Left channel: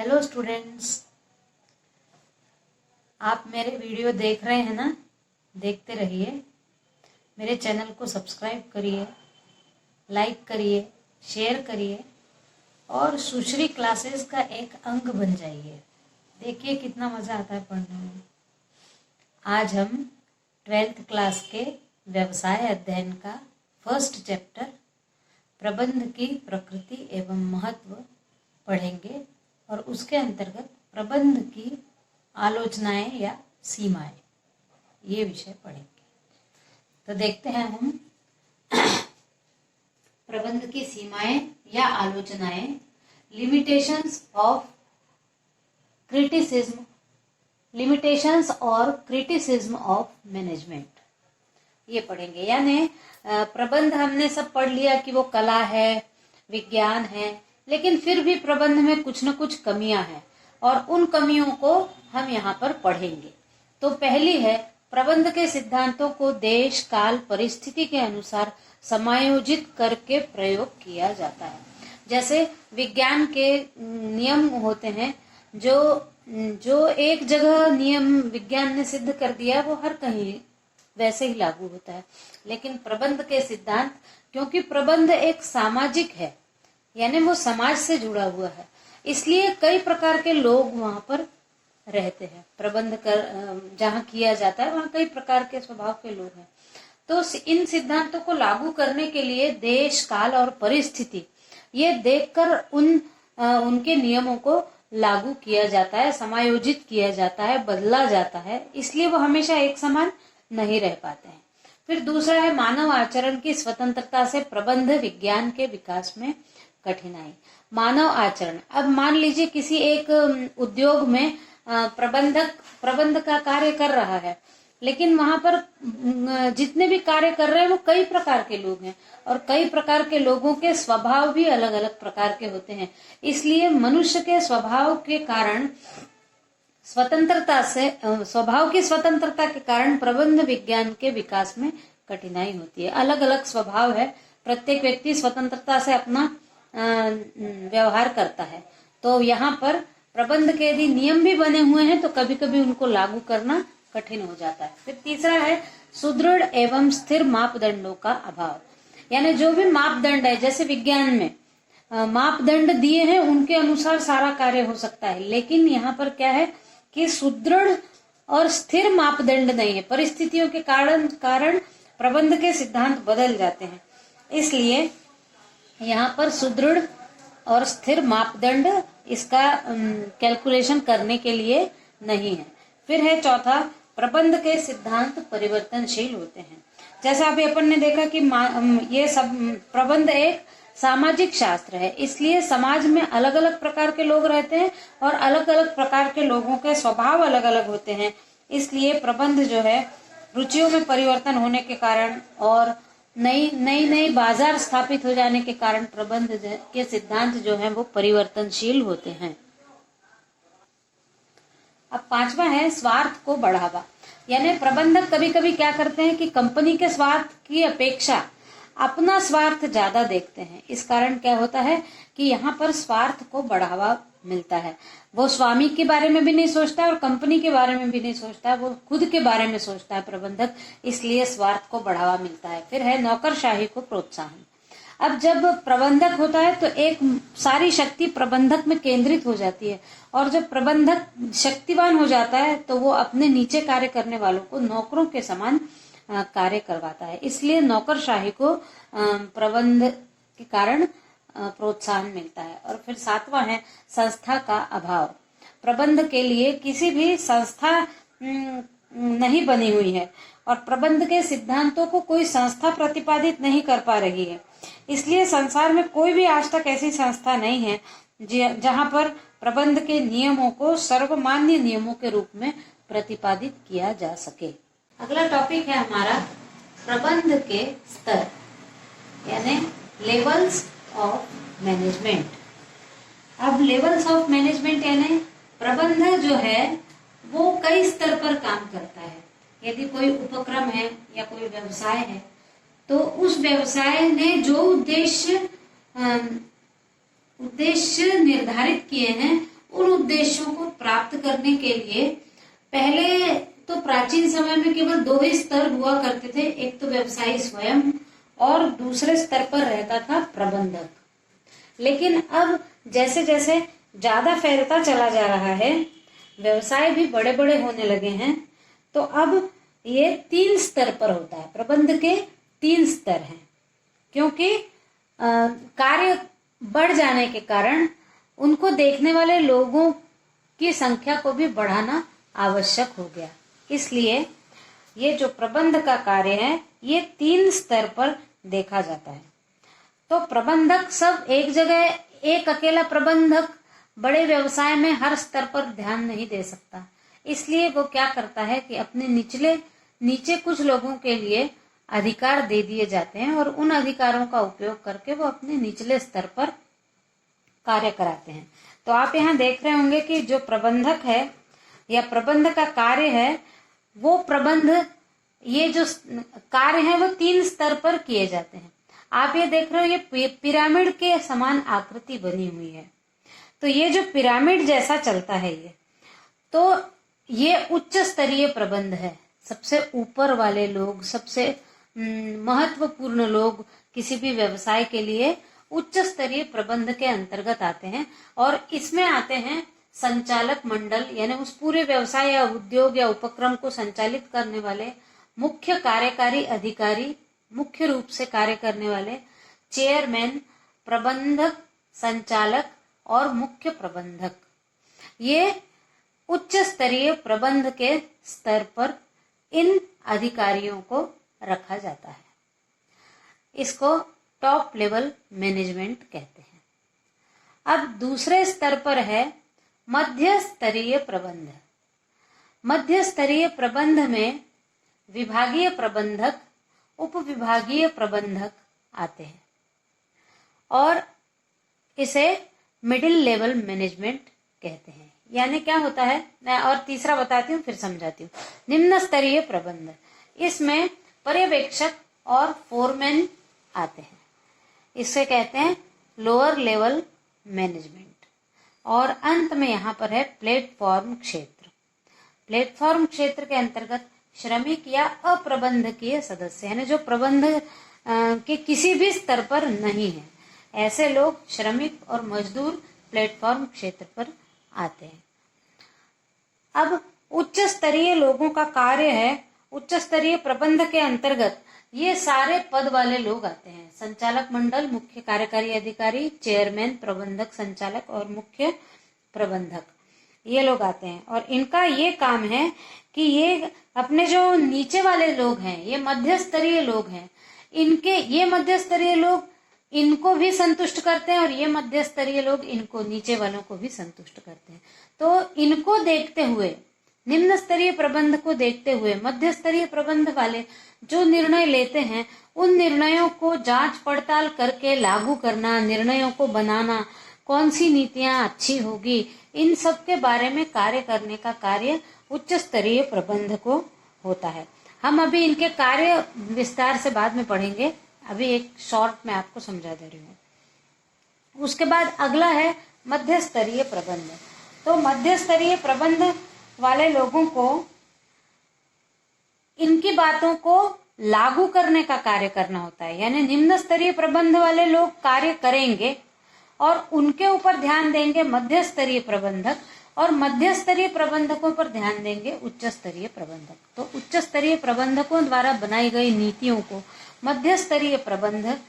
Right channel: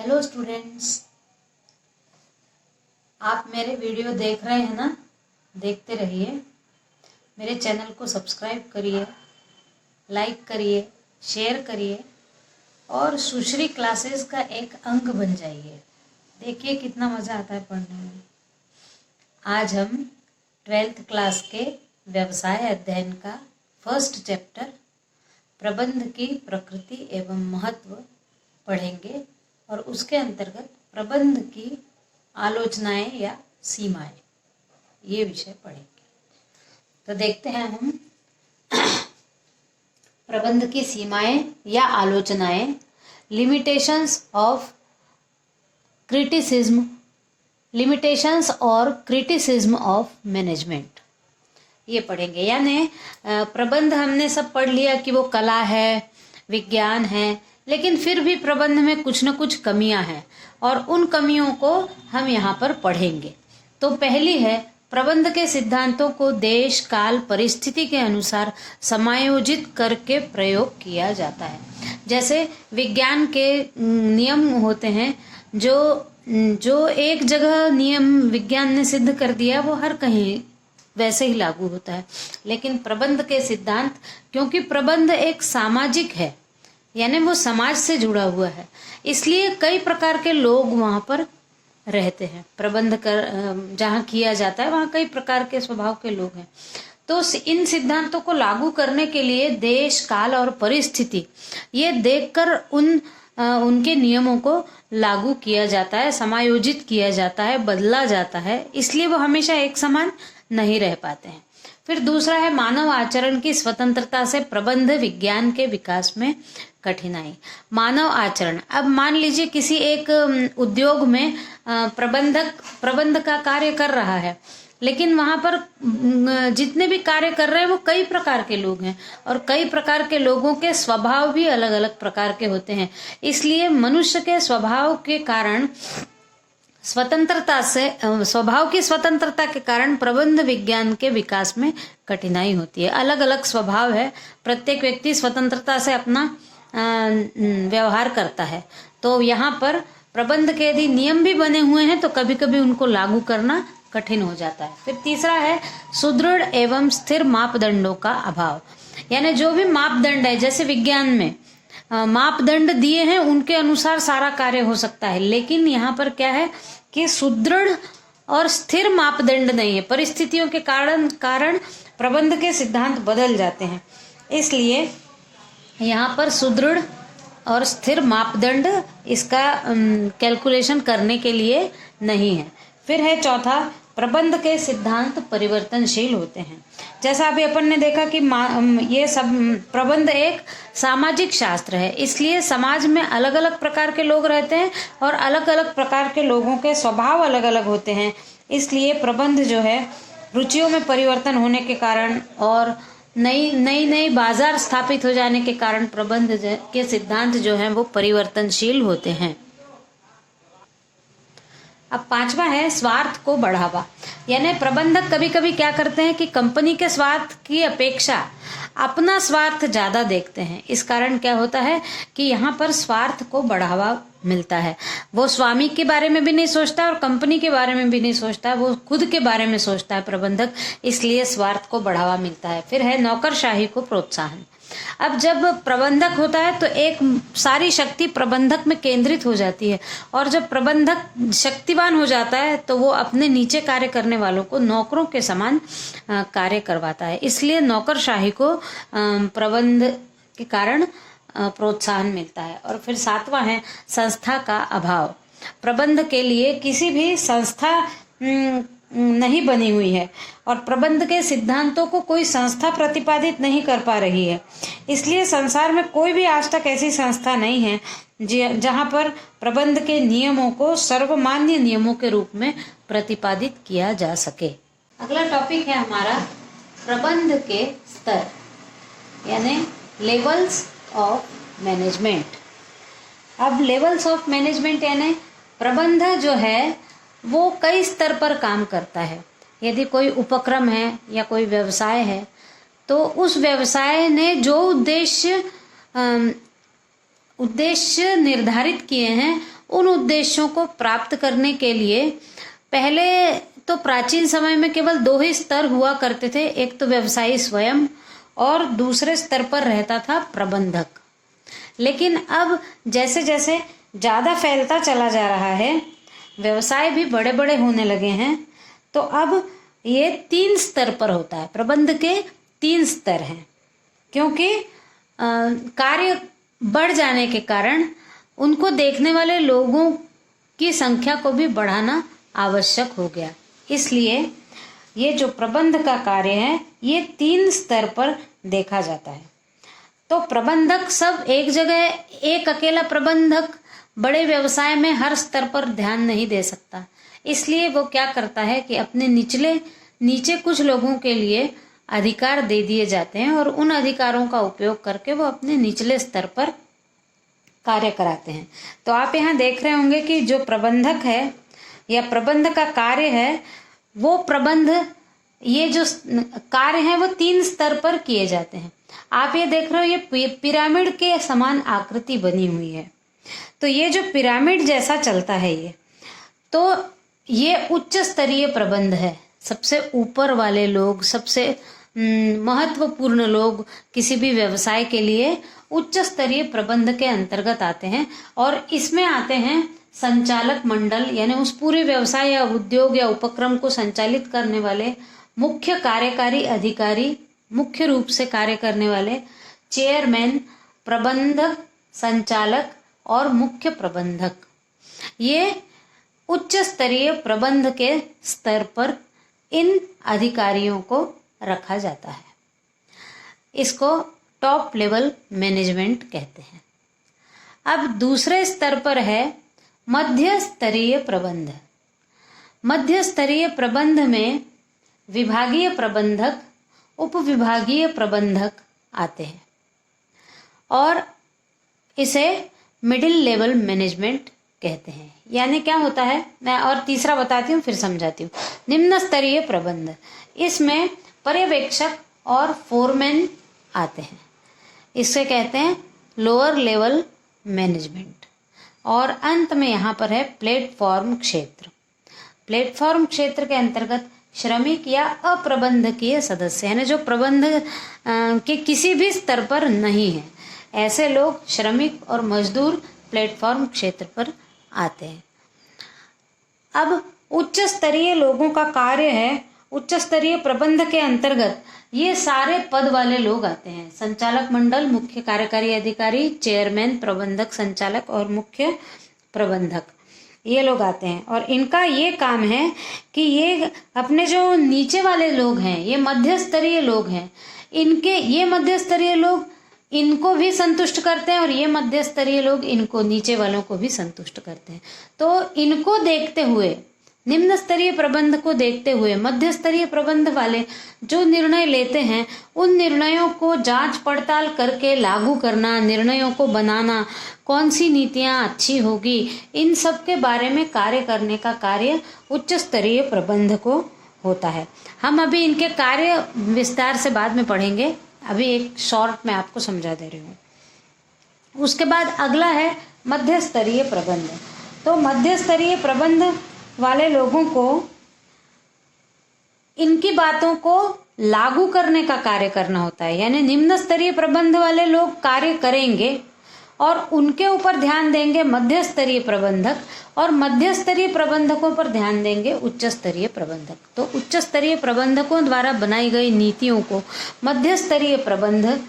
Hello students, आप मेरे video देख रहे हैं ना? देखते रहिए। मेरे चैनल को सब्सक्राइब करिए, लाइक करिए, शेयर करिए और सुश्री क्लासेस का एक अंग बन जाइए। देखिए कितना मजा आता है पढ़ने में। आज हम 12th क्लास के व्यवसाय अध्ययन का फर्स्ट चैप्टर प्रबंध की प्रकृति एवं महत्व पढ़ेंगे और उसके अंतर्गत प्रबंध की आलोचनाएं या सीमाएं, ये विषय पढ़ेंगे। तो देखते हैं हम प्रबंध की सीमाएं या आलोचनाएं, लिमिटेशंस ऑफ क्रिटिसिज्म, लिमिटेशंस और क्रिटिसिज्म ऑफ मैनेजमेंट, ये पढ़ेंगे। यानी प्रबंध हमने सब पढ़ लिया कि वो कला है, विज्ञान है, लेकिन फिर भी प्रबंध में कुछ न कुछ कमियां हैं और उन कमियों को हम यहाँ पर पढ़ेंगे। तो पहली है, प्रबंध के सिद्धांतों को देश, काल, परिस्थिति के अनुसार समायोजित करके प्रयोग किया जाता है। जैसे विज्ञान के नियम होते हैं, जो एक जगह नियम विज्ञान ने सिद्ध कर दिया वो हर कहीं वैसे ही लागू होता है। लेकिन प्रबंध के सिद्धांत, क्योंकि प्रबंध एक सामाजिक है, यानी वो समाज से जुड़ा हुआ है, इसलिए कई प्रकार के लोग वहां पर रहते हैं। प्रबंध कर जहाँ किया जाता है वहां कई प्रकार के स्वभाव के लोग हैं। तो इन सिद्धांतों को लागू करने के लिए देश, काल और परिस्थिति ये देखकर उनके नियमों को लागू किया जाता है, समायोजित किया जाता है, बदला जाता है, इसलिए वो हमेशा एक समान नहीं रह पाते हैं। फिर दूसरा है, मानव आचरण की स्वतंत्रता से प्रबंध विज्ञान के विकास में कठिनाई। मानव आचरण, अब मान लीजिए किसी एक उद्योग में प्रबंध का कार्य कर रहा है, लेकिन वहां पर जितने भी कार्य कर रहे हैं वो कई प्रकार के लोग हैं और कई प्रकार के लोगों के स्वभाव भी अलग अलग प्रकार के होते हैं। इसलिए मनुष्य के स्वभाव के कारण स्वभाव की स्वतंत्रता के कारण प्रबंध विज्ञान के विकास में कठिनाई होती है। अलग अलग स्वभाव है, प्रत्येक व्यक्ति स्वतंत्रता से अपना व्यवहार करता है। तो यहाँ पर प्रबंध के यदि नियम भी बने हुए हैं तो कभी कभी उनको लागू करना कठिन हो जाता है। फिर तीसरा है, सुदृढ़ एवं स्थिर मापदंडों का अभाव। यानी जो भी मापदंड है, जैसे विज्ञान में मापदंड दिए हैं उनके अनुसार सारा कार्य हो सकता है, लेकिन यहाँ पर क्या है कि सुदृढ़ और स्थिर मापदंड नहीं है। परिस्थितियों के कारण प्रबंध के सिद्धांत बदल जाते हैं, इसलिए यहाँ पर सुदृढ़ और स्थिर मापदंड इसका कैलकुलेशन करने के लिए नहीं है। फिर है चौथा, प्रबंध के सिद्धांत परिवर्तनशील होते हैं। जैसा अभी अपन ने देखा कि ये सब प्रबंध एक सामाजिक शास्त्र है, इसलिए समाज में अलग अलग प्रकार के लोग रहते हैं और अलग अलग प्रकार के लोगों के स्वभाव अलग अलग होते हैं। इसलिए प्रबंध जो है, रुचियों में परिवर्तन होने के कारण और नई बाजार स्थापित हो जाने के कारण प्रबंध के सिद्धांत जो हैं वो परिवर्तनशील होते हैं। अब पांचवा है, स्वार्थ को बढ़ावा। यानी प्रबंधक कभी कभी क्या करते हैं कि कंपनी के स्वार्थ की अपेक्षा अपना स्वार्थ ज्यादा देखते हैं। इस कारण क्या होता है कि यहाँ पर स्वार्थ को बढ़ावा मिलता है। वो स्वामी के बारे में भी नहीं सोचता और कंपनी के बारे में भी नहीं सोचता, वो खुद के बारे में सोचता है प्रबंधक, इसलिए स्वार्थ को बढ़ावा मिलता है। फिर है नौकरशाही को प्रोत्साहन। अब जब प्रबंधक होता है तो एक सारी शक्ति प्रबंधक में केंद्रित हो जाती है और जब प्रबंधक शक्तिवान हो जाता है तो वो अपने नीचे कार्य करने वालों को नौकरों के समान कार्य करवाता है। इसलिए नौकरशाही को प्रबंध के कारण प्रोत्साहन मिलता है। और फिर सातवां है, संस्था का अभाव। प्रबंध के लिए किसी भी संस्था नहीं बनी हुई है और प्रबंध के सिद्धांतों को कोई संस्था प्रतिपादित नहीं कर पा रही है। इसलिए संसार में कोई भी आज तक ऐसी संस्था नहीं है जहां पर प्रबंध के नियमों को सर्वमान्य नियमों के रूप में प्रतिपादित किया जा सके। अगला टॉपिक है हमारा प्रबंध के स्तर, यानी लेवल्स ऑफ मैनेजमेंट। अब लेवल्स ऑफ मैनेजमेंट यानी प्रबंध जो है वो कई स्तर पर काम करता है। यदि कोई उपक्रम है या कोई व्यवसाय है तो उस व्यवसाय ने जो उद्देश्य निर्धारित किए हैं उन उद्देश्यों को प्राप्त करने के लिए पहले तो प्राचीन समय में केवल 2 ही स्तर हुआ करते थे, एक तो व्यवसायी स्वयं और दूसरे स्तर पर रहता था प्रबंधक। लेकिन अब जैसे जैसे ज्यादा फैलता चला जा रहा है, व्यवसाय भी बड़े बड़े होने लगे हैं, तो अब ये 3 स्तर पर होता है। प्रबंध के 3 स्तर हैं, क्योंकि कार्य बढ़ जाने के कारण उनको देखने वाले लोगों की संख्या को भी बढ़ाना आवश्यक हो गया। इसलिए ये जो प्रबंध का कार्य है ये 3 स्तर पर देखा जाता है। तो प्रबंधक सब एक जगह, एक अकेला प्रबंधक बड़े व्यवसाय में हर स्तर पर ध्यान नहीं दे सकता। इसलिए वो क्या करता है कि अपने नीचे कुछ लोगों के लिए अधिकार दे दिए जाते हैं और उन अधिकारों का उपयोग करके वो अपने निचले स्तर पर कार्य कराते हैं। तो आप यहाँ देख रहे होंगे कि जो प्रबंधक है या प्रबंध का कार्य है, वो प्रबंध, ये जो कार्य है वो 3 स्तर पर किए जाते हैं। आप ये देख रहे हो, ये पिरामिड के समान आकृति बनी हुई है। तो ये जो पिरामिड जैसा चलता है ये उच्च स्तरीय प्रबंध है। सबसे ऊपर वाले लोग, सबसे महत्वपूर्ण लोग किसी भी व्यवसाय के लिए उच्च स्तरीय प्रबंध के अंतर्गत आते हैं। और इसमें आते हैं संचालक मंडल, यानी उस पूरे व्यवसाय या उद्योग या उपक्रम को संचालित करने वाले मुख्य कार्यकारी अधिकारी, मुख्य रूप से कार्य करने वाले चेयरमैन, प्रबंधक, संचालक और मुख्य प्रबंधक। ये उच्च स्तरीय प्रबंध के स्तर पर इन अधिकारियों को रखा जाता है। इसको टॉप लेवल मैनेजमेंट कहते हैं। अब दूसरे स्तर पर है मध्य स्तरीय प्रबंध। मध्य स्तरीय प्रबंध में विभागीय प्रबंधक, उप विभागीय प्रबंधक आते हैं और इसे मिडिल लेवल मैनेजमेंट कहते हैं। यानी क्या होता है, मैं और तीसरा बताती हूँ फिर समझाती हूँ। निम्न स्तरीय प्रबंध, इसमें पर्यवेक्षक और फोरमैन आते हैं, इससे कहते हैं लोअर लेवल मैनेजमेंट। और अंत में यहाँ पर है प्लेटफॉर्म क्षेत्र। प्लेटफॉर्म क्षेत्र के अंतर्गत श्रमिक या अप्रबंधकीय सदस्य, यानी जो प्रबंध के किसी भी स्तर पर नहीं है, ऐसे लोग श्रमिक और मजदूर प्लेटफॉर्म क्षेत्र पर आते हैं। अब उच्च स्तरीय लोगों का कार्य है, उच्च स्तरीय प्रबंध के अंतर्गत ये सारे पद वाले लोग आते हैं। संचालक मंडल, मुख्य कार्यकारी अधिकारी, चेयरमैन, प्रबंधक, संचालक और मुख्य प्रबंधक, ये लोग आते हैं। और इनका ये काम है कि ये अपने जो नीचे वाले लोग हैं, ये मध्य स्तरीय लोग हैं, ये मध्य स्तरीय लोग इनको भी संतुष्ट करते हैं और ये मध्य स्तरीय लोग इनको, नीचे वालों को भी संतुष्ट करते हैं। तो इनको देखते हुए, निम्न स्तरीय प्रबंध को देखते हुए मध्य स्तरीय प्रबंध वाले जो निर्णय लेते हैं, उन निर्णयों को जांच पड़ताल करके लागू करना, निर्णयों को बनाना, कौन सी नीतियां अच्छी होगी, इन सब के बारे में कार्य करने का कार्य उच्च स्तरीय प्रबंध को होता है। हम अभी इनके कार्य विस्तार से बाद में पढ़ेंगे, अभी एक शॉर्ट में आपको समझा दे रही हूँ। उसके बाद अगला है मध्य स्तरीय प्रबंध। तो मध्य स्तरीय प्रबंध वाले लोगों को इनकी बातों को लागू करने का कार्य करना होता है। यानी निम्न स्तरीय प्रबंध वाले लोग कार्य करेंगे और उनके ऊपर ध्यान देंगे मध्य स्तरीय प्रबंधक, और मध्य स्तरीय प्रबंधकों पर ध्यान देंगे उच्च स्तरीय प्रबंधक। तो उच्च स्तरीय प्रबंधकों द्वारा बनाई गई नीतियों को मध्य स्तरीय प्रबंधक,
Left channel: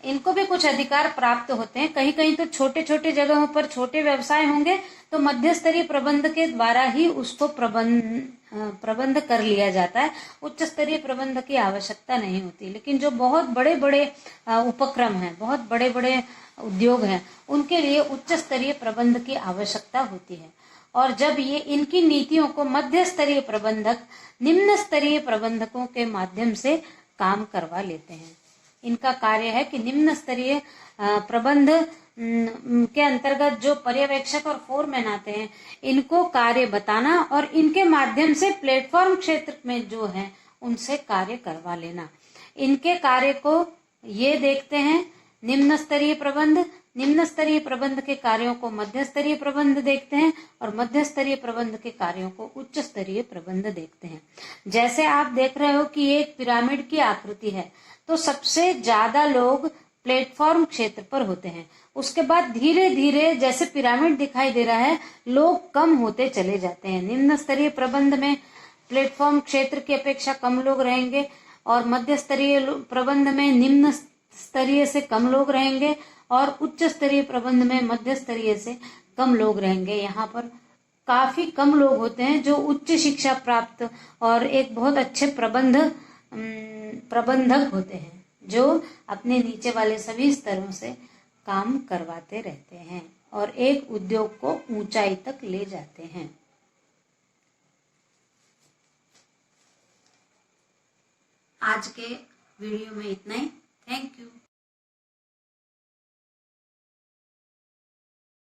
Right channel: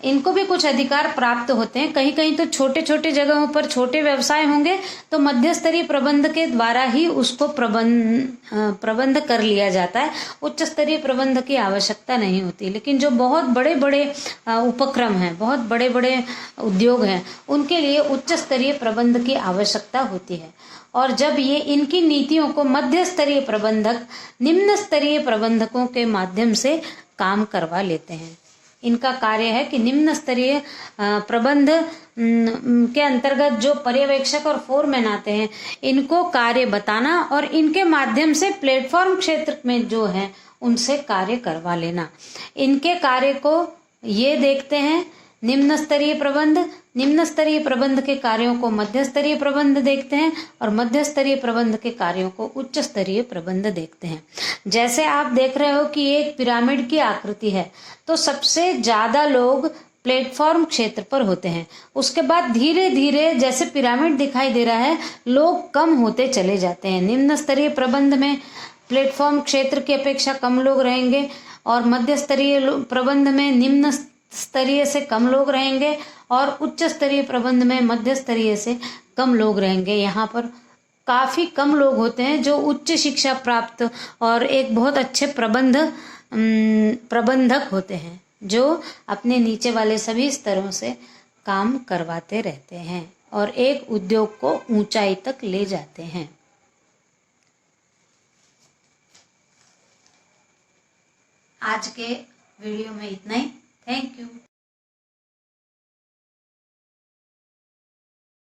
इनको भी कुछ अधिकार प्राप्त होते हैं। कहीं कहीं तो छोटे छोटे जगहों पर छोटे व्यवसाय होंगे तो मध्य स्तरीय प्रबंध के द्वारा ही उसको प्रबंध कर लिया जाता है, उच्च स्तरीय प्रबंध की आवश्यकता नहीं होती। लेकिन जो बहुत बड़े बड़े उपक्रम हैं, बहुत बड़े बड़े उद्योग हैं, उनके लिए उच्च स्तरीय प्रबंध की आवश्यकता होती है। और जब ये इनकी नीतियों को मध्य स्तरीय प्रबंधक निम्न स्तरीय प्रबंधकों के माध्यम से काम करवा लेते हैं। इनका कार्य है कि निम्न स्तरीय प्रबंध के अंतर्गत जो पर्यवेक्षक और फोरमैन आते हैं, इनको कार्य बताना और इनके माध्यम से प्लेटफॉर्म क्षेत्र में जो है उनसे कार्य करवा लेना। इनके कार्य को ये देखते हैं निम्न स्तरीय प्रबंध, निम्न स्तरीय प्रबंध के कार्यों को मध्य स्तरीय प्रबंध देखते हैं और मध्य स्तरीय प्रबंध के कार्यों को उच्च स्तरीय प्रबंध देखते हैं। जैसे आप देख रहे हो कि एक पिरामिड की आकृति है, तो सबसे ज्यादा लोग प्लेटफॉर्म क्षेत्र पर होते हैं। उसके बाद धीरे धीरे जैसे पिरामिड दिखाई दे रहा है, लोग कम होते चले जाते हैं। निम्न स्तरीय प्रबंध में प्लेटफॉर्म क्षेत्र की अपेक्षा कम लोग रहेंगे और मध्य स्तरीय प्रबंध में निम्न स्तरीय से कम लोग रहेंगे और उच्च स्तरीय प्रबंध में मध्य स्तरीय से कम लोग रहेंगे। यहाँ पर काफी कम लोग होते हैं जो उच्च शिक्षा प्राप्त और एक बहुत अच्छे प्रबंधक होते हैं, जो अपने नीचे वाले सभी स्तरों से काम करवाते रहते हैं और एक उद्योग को ऊंचाई तक ले जाते हैं। आज के वीडियो में इतना ही। Thank you.